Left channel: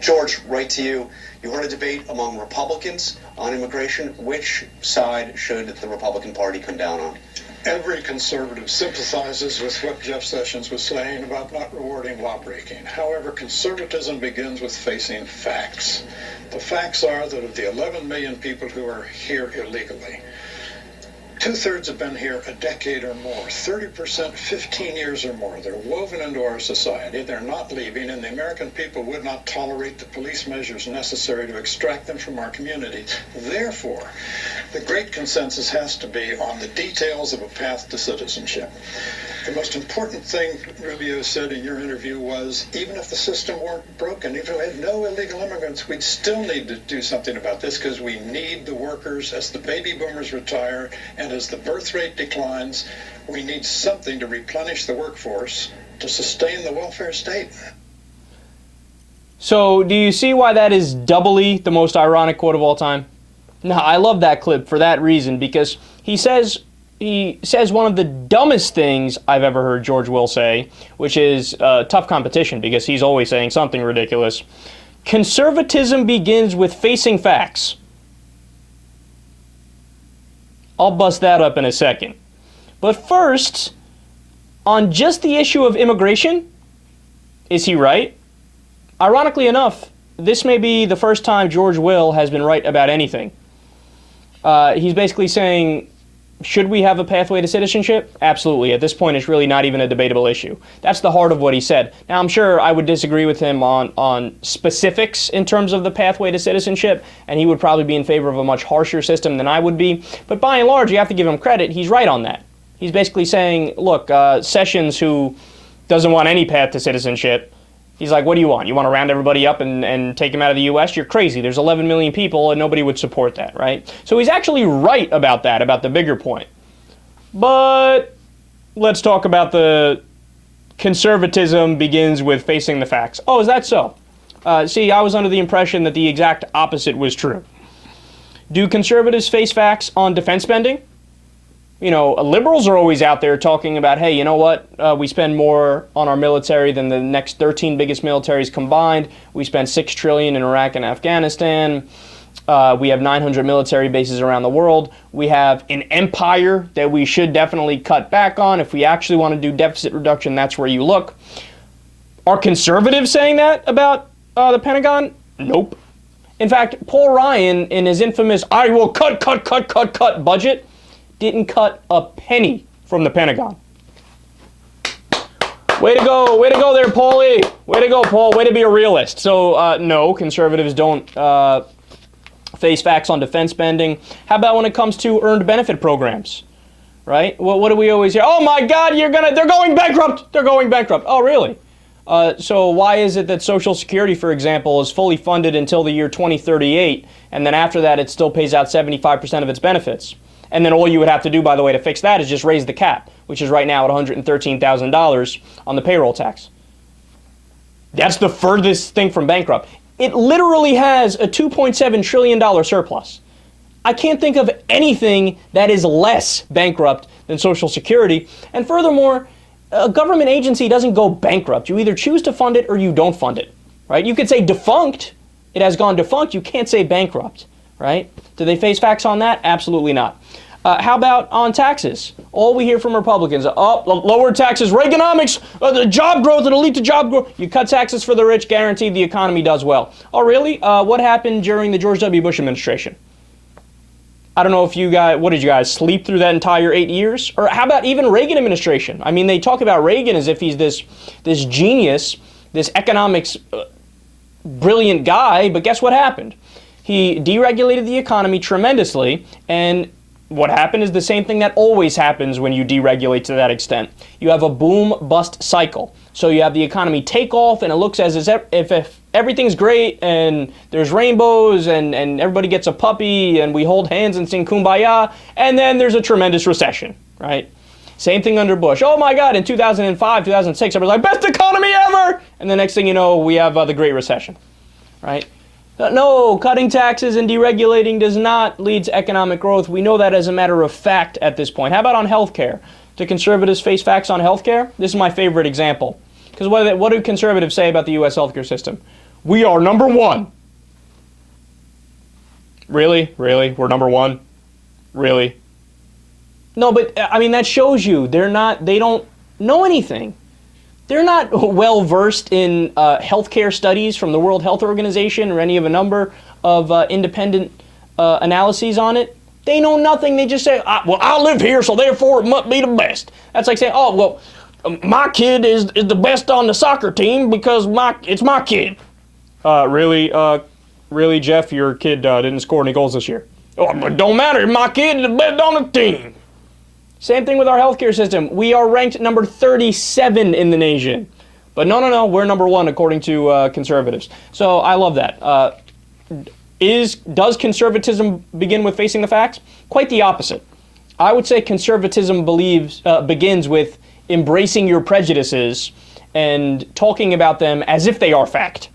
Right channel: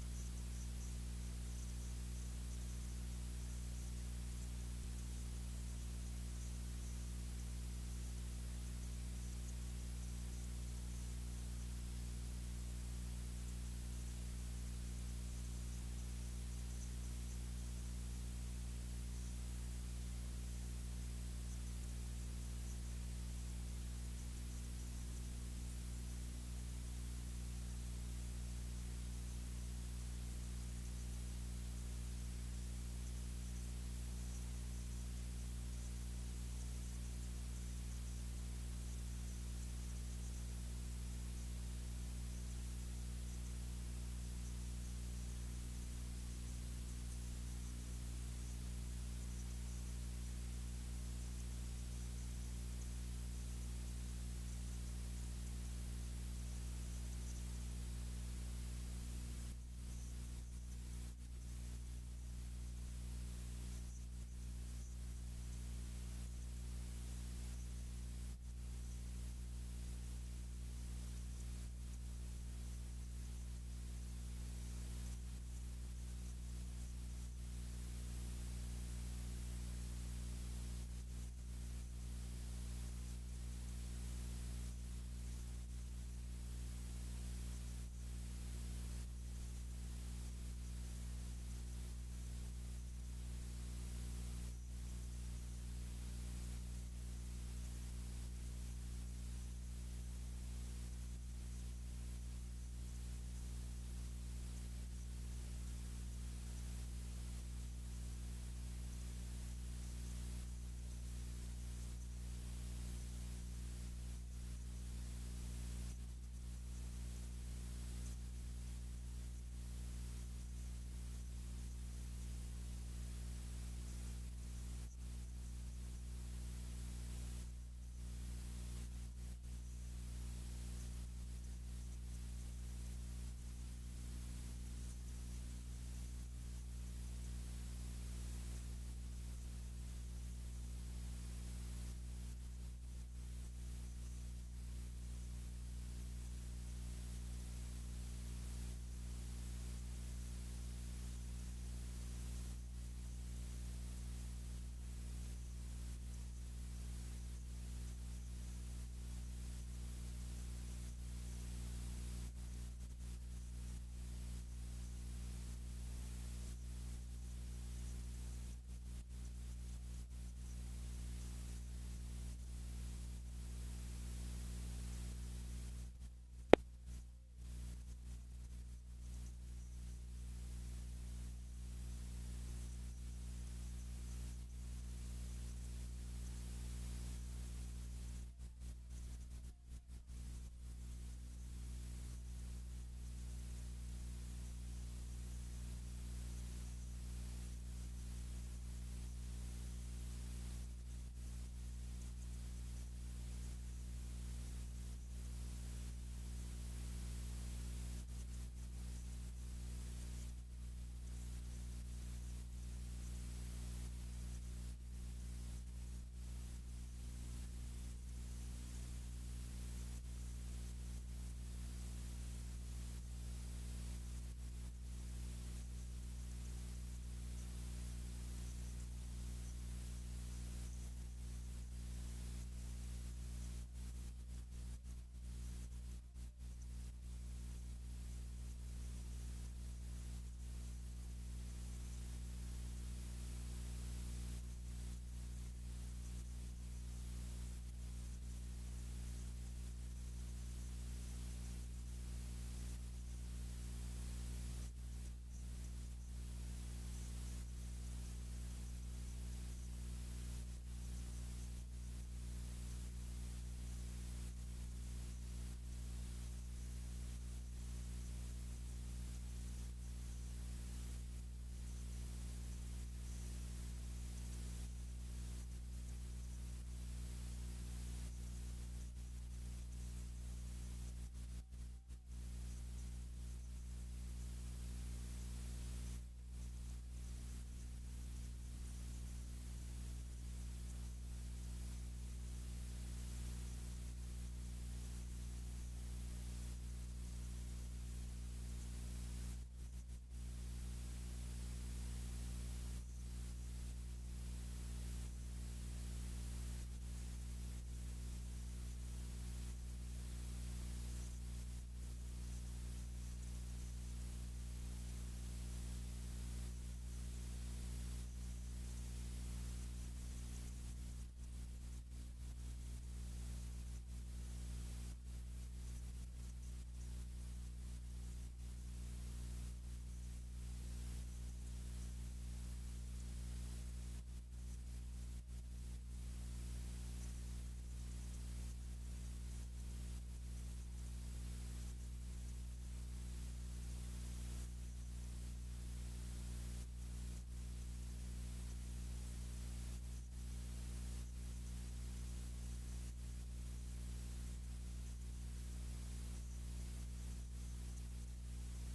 George, right to you. You heard a debate among Republicans on immigration. Which side should the Republican Party come down on? Every conservative sympathizes with what Jeff Sessions was saying about not rewarding lawbreaking. However, conservatism begins with facing facts. The facts are that of the 11 million people who are here illegally, 2/3 have been here a decade or more, 30% 15 years or more. They're woven into our society. They're not leaving, and the American people would not tolerate the police measures necessary to extract them from our communities. Therefore, the great consensus has to be on the details of a path to citizenship. The most important thing Rubio said in your interview was, even if the system weren't broken, even if we had no illegal immigrants, we'd still need to do something about this because we need the workers as the baby boomers retire and as the birth rate declines. We need something to replenish the workforce to sustain the welfare state. So do you see why that is doubly the most ironic quote of all time? No, I love that clip for that reason, because he says one of the dumbest things I've ever heard George Will say, which is tough competition, because he's always saying something ridiculous. Conservatism begins with facing facts. I'll bust that up in a second. But first, on just the issue of immigration, is he right? Ironically enough, this may be the first time George Will has been right about anything. He's basically saying, should we have a pathway to citizenship? Absolutely. At this point, it's really not even a debatable issue. That's the heart of what he said. Now, I'm sure I would disagree with him on specifics in terms of the pathway to citizenship, and he would probably be in favor of a much harsher system than I would be. But by and large, you have to give him credit. He's right on that. He's basically saying, look, Sessions, who doesn't want any path to citizenship, he's like, what do you want? You want to round everybody up and take them out of the U.S.? You're crazy. There's 11 million people, and nobody would support that, right? So he's actually right about that, about the bigger point. But let's talk about the conservatism begins with facing the facts. Oh, is that so? See, I was under the impression that the exact opposite was true. Do conservatives face facts on defense spending? You know, liberals are always out there talking about, hey, you know what? We spend more on our military than the next 13 biggest militaries combined. We spend $6 trillion in Iraq and Afghanistan. We have 900 military bases around the world. We have an empire that we should definitely cut back on. If we actually want to do deficit reduction, that's where you look. Are conservatives saying that about the Pentagon? Nope. In fact, Paul Ryan, in his infamous, I will cut budget, didn't cut a penny from the Pentagon. Way to go there, Paulie. Way to go, Paul. Way to be a realist. So, no, conservatives don't face facts on defense spending. How about when it comes to earned benefit programs, right? Well, what do we always hear? Oh my God, they're going bankrupt. They're going bankrupt. Oh, really? So why is it that Social Security, for example, is fully funded until the year 2038, and then after that it still pays out 75% of its benefits? And then all you would have to do, by the way, to fix that is just raise the cap, which is right now at $113,000 on the payroll tax. That's the furthest thing from bankrupt. It literally has a $2.7 trillion surplus. I can't think of anything that is less bankrupt than Social Security. And furthermore, a government agency doesn't go bankrupt. You either choose to fund it or you don't fund it, right? You could say defunct. It has gone defunct. You can't say bankrupt, right? Do they face facts on that? Absolutely not. How about on taxes? All we hear from Republicans, lower taxes, Reaganomics, the job growth, it'll lead to job growth. You cut taxes for the rich, guaranteed the economy does well. Oh, really? What happened during the George W. Bush administration? I don't know if you guys, what did you guys sleep through that entire 8 years? Or how about even Reagan administration? I mean, they talk about Reagan as if he's this genius, this economics brilliant guy, but guess what happened? He deregulated the economy tremendously, and what happened is the same thing that always happens when you deregulate to that extent. You have a boom-bust cycle. So you have the economy take off, and it looks as if everything's great, and there's rainbows, and everybody gets a puppy, and we hold hands and sing Kumbaya, and then there's a tremendous recession, right? Same thing under Bush. Oh my God, in 2005, 2006, everybody's like, best economy ever! And the next thing you know, we have the Great Recession, right? No, cutting taxes and deregulating does not lead to economic growth. We know that as a matter of fact at this point. How about on health care? Do conservatives face facts on health care? This is my favorite example. Because what do conservatives say about the U.S. healthcare system? We are number one. Really? Really? We're number one? Really? No, but I mean, that shows you they don't know anything. They're not well versed in healthcare studies from the World Health Organization or any of a number of independent analyses on it. They know nothing. They just say, well, I live here, so therefore it must be the best. That's like saying, oh, well, my kid is the best on the soccer team because it's my kid. Really, Jeff, your kid didn't score any goals this year. Oh, but it don't matter. My kid is the best on the team. Same thing with our healthcare system. We are ranked number 37 in the nation. But no, we're number one according to conservatives. So I love that. Does conservatism begin with facing the facts? Quite the opposite. I would say conservatism begins with embracing your prejudices and talking about them as if they are fact.